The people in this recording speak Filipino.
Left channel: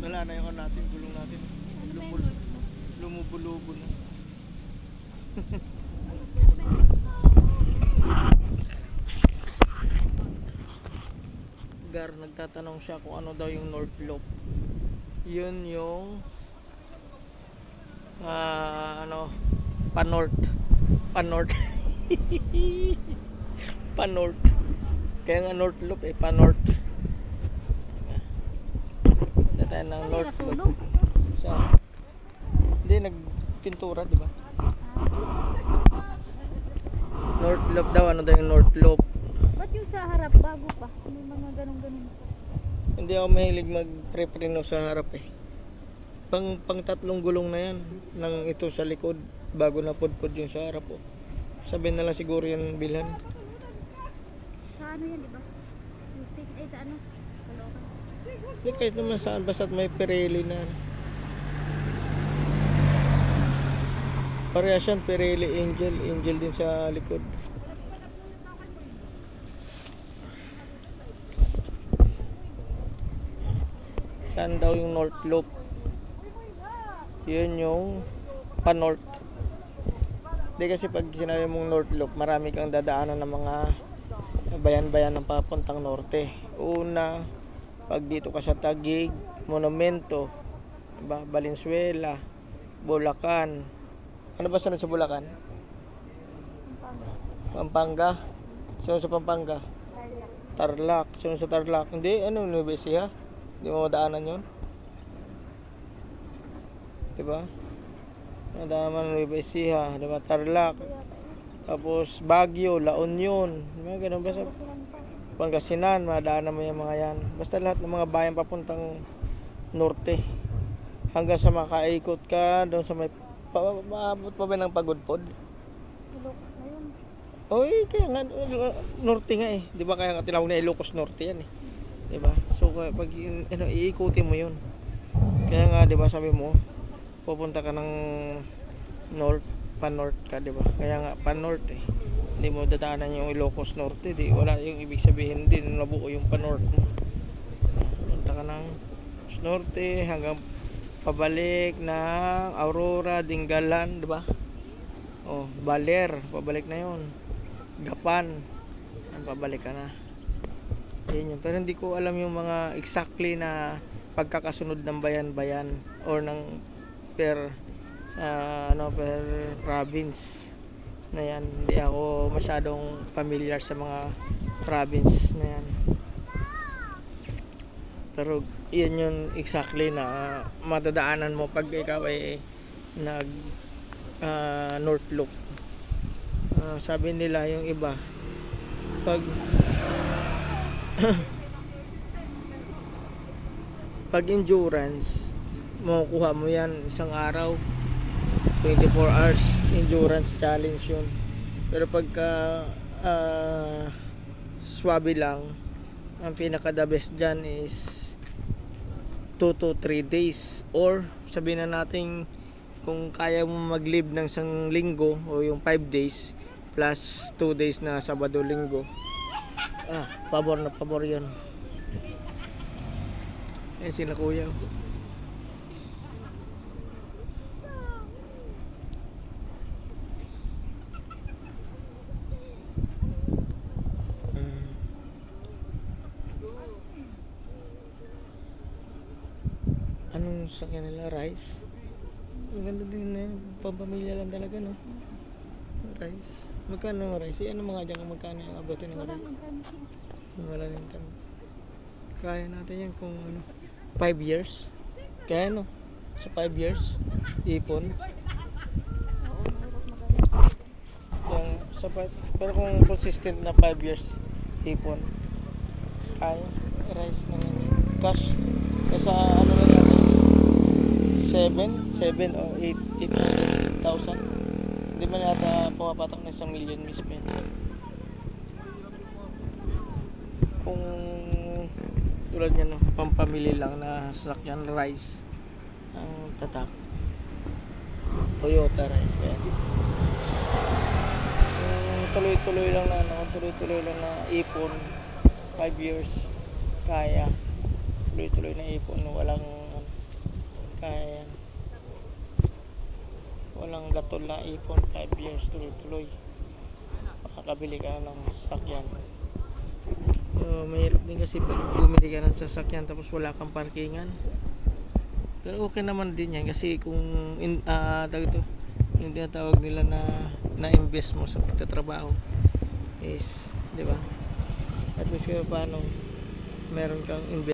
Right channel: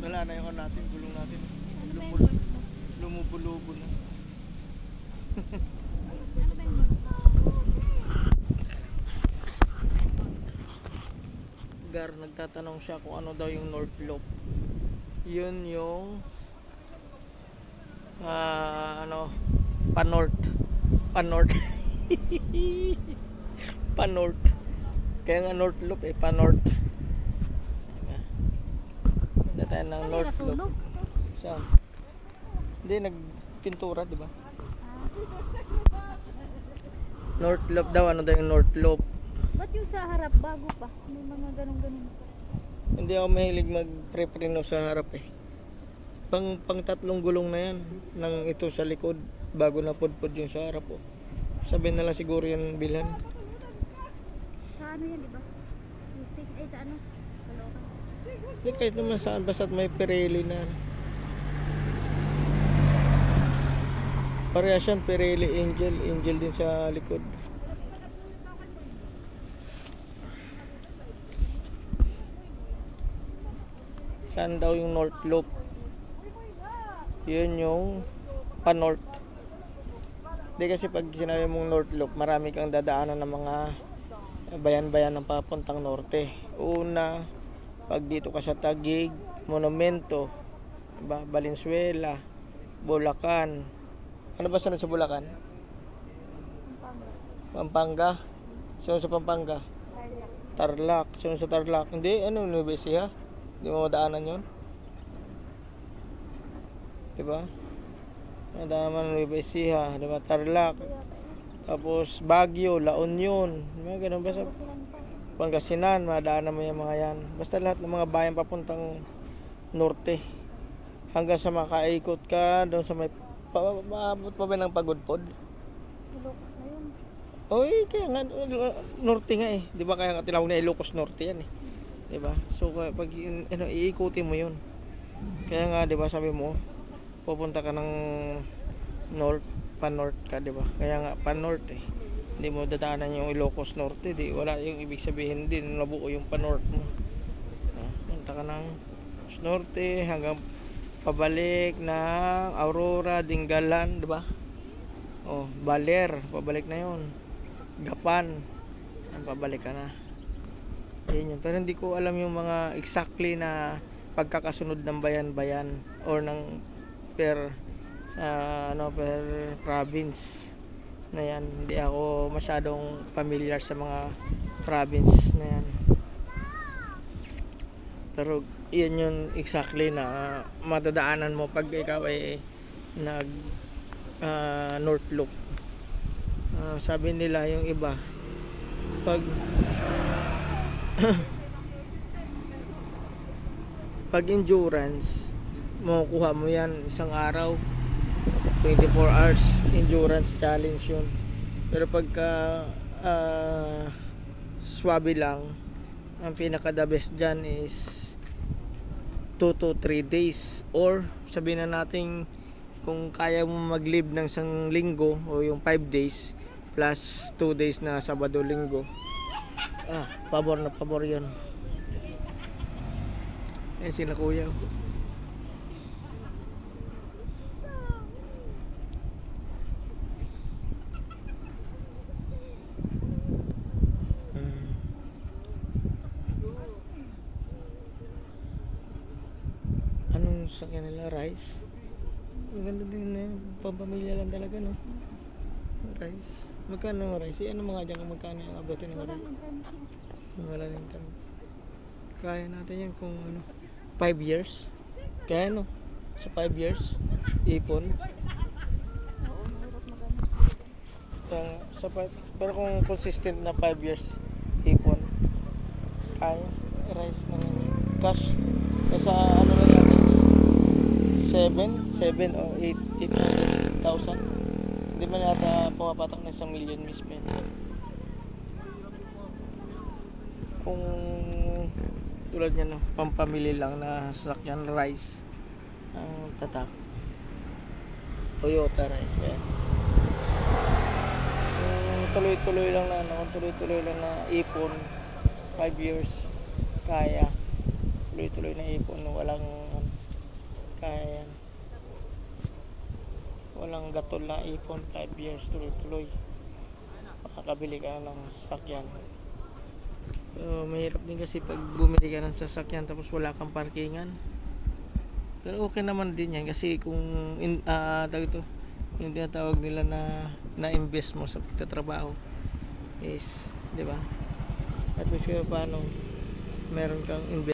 Wala na yung ano natin, gulong natin. Ano ba yung Lumul North Loop? Lumubo-lubo na. Ano ba yung North Loop? Gar, nagtatanong siya kung ano daw yung North Loop. Yun yung ano, pa-north. Pa-north. Pa-north. Kaya nga North Loop eh, pa-north. Punta tayo ng Ano yung North Loop. nasunog? Sa hindi, nagpintura, di ba? North Loop daw, ano daw yung North Loop? Ba't yung sa harap bago pa? May mga ganun-ganun. Hindi ako mahilig mag-pre-preno sa harap eh. Pang tatlong gulong na yan ng ito sa likod bago na pudpud yung sa harap oh. Sabihin na lang siguro yan bilhan. Sa ano yan, di ba? Music, ay sa ano? Kalokan. Hindi kahit naman saan basta't may Pirelli na. Parehas yan, Pirelli Angel. Angel din sa likod. Saan daw yung North Loop? Yun yung pa-north. Hindi kasi pag sinabi mong North Loop, marami kang dadaanan ng mga bayan-bayan ng papuntang norte. Una, pag dito ka sa Taguig, Monumento, diba? Valenzuela, Bulacan. Ano ba sunod sa Bulacan? Pampanga. Sunod sa Pampanga? Tarlac. Sunod sa Tarlac. Hindi, ano, Nueva Ecija? Hindi mo madaanan yun? Diba? Madaanan ng Nueva Ecija, diba? Tarlac. Tapos Baguio, La Union. Diba? Ganun ba sa Pangasinan, madaanan mo yung mga yan. Basta lahat ng mga bayan papuntang norte. Hanggang sa makaikot ka doon sa may maabot pa ba ng Pagudpod? Ilocos na yun. Oy, kaya nga norte nga eh. 'Di ba kaya nga tinawag na Ilocos Norte yan eh. 'Di ba? So pag ano iikutin mo 'yun. Kaya nga 'di ba sabi mo pupunta ka ng north, pa-north ka 'di ba? Kaya nga pa-north eh. Hindi mo dadaanan yung Ilocos Norte, di wala yung ibig sabihin din nabuo yung pa-north mo. Punta ka ng norte hanggang pabalik ng Aurora, Dingalan, 'di ba? Oh, Baler, pabalik na 'yon. Gapan, ang pabalik ka na. Ayun yun. Pero hindi ko alam yung mga exactly na pagkakasunod ng bayan-bayan or ng per per province na yan. Hindi ako masyadong familiar sa mga province na yan. Pero yan yung exactly na madadaanan mo pag ikaw ay nag North Loop. Sabi nila yung iba pag pag endurance makukuha mo yan isang araw, 24 hours endurance challenge yun. Pero pagka swabe lang, ang pinaka the best dyan is 2 to 3 days, or sabihin na natin kung kaya mo mag-live ng isang linggo o yung 5 days plus 2 days na Sabado Linggo, pabor na pabor yun. Ayan sila kuya. Anong sakyan nila? Rice? Ang ganda din na pampamilya lang talaga, no? Rice. Magkano ang rice? Ano mga dyan kung magkano yung abutin ng rice? Wala din tanong. Kaya natin yan kung ano 5 years. Kaya no? Sa 5 years ipon. Yung, pero kung consistent na 5 years ipon, kaya rice na lang yun. Cash sa ano na yan 7 o 800,000. Hindi man yata pumapatak na 1 million mismo yan. Kung tulad yan, no, pampamili lang na sasakyan rice ang tatak. Toyota rice ba yan? Tuloy-tuloy lang na ipon 5 years kaya. tuloy-tuloy na ipon, walang kaya yan. Walang gatol na ipon, 5 years tuloy-tuloy. Makakabili ka ng sasakyan. Mahirap din kasi pag bumili ka ng sasakyan tapos wala kang parkingan. Pero okay naman din yan kasi kung yung tinatawag nila na invest mo sa pagtatrabaho is, di ba? At least paano meron kang invest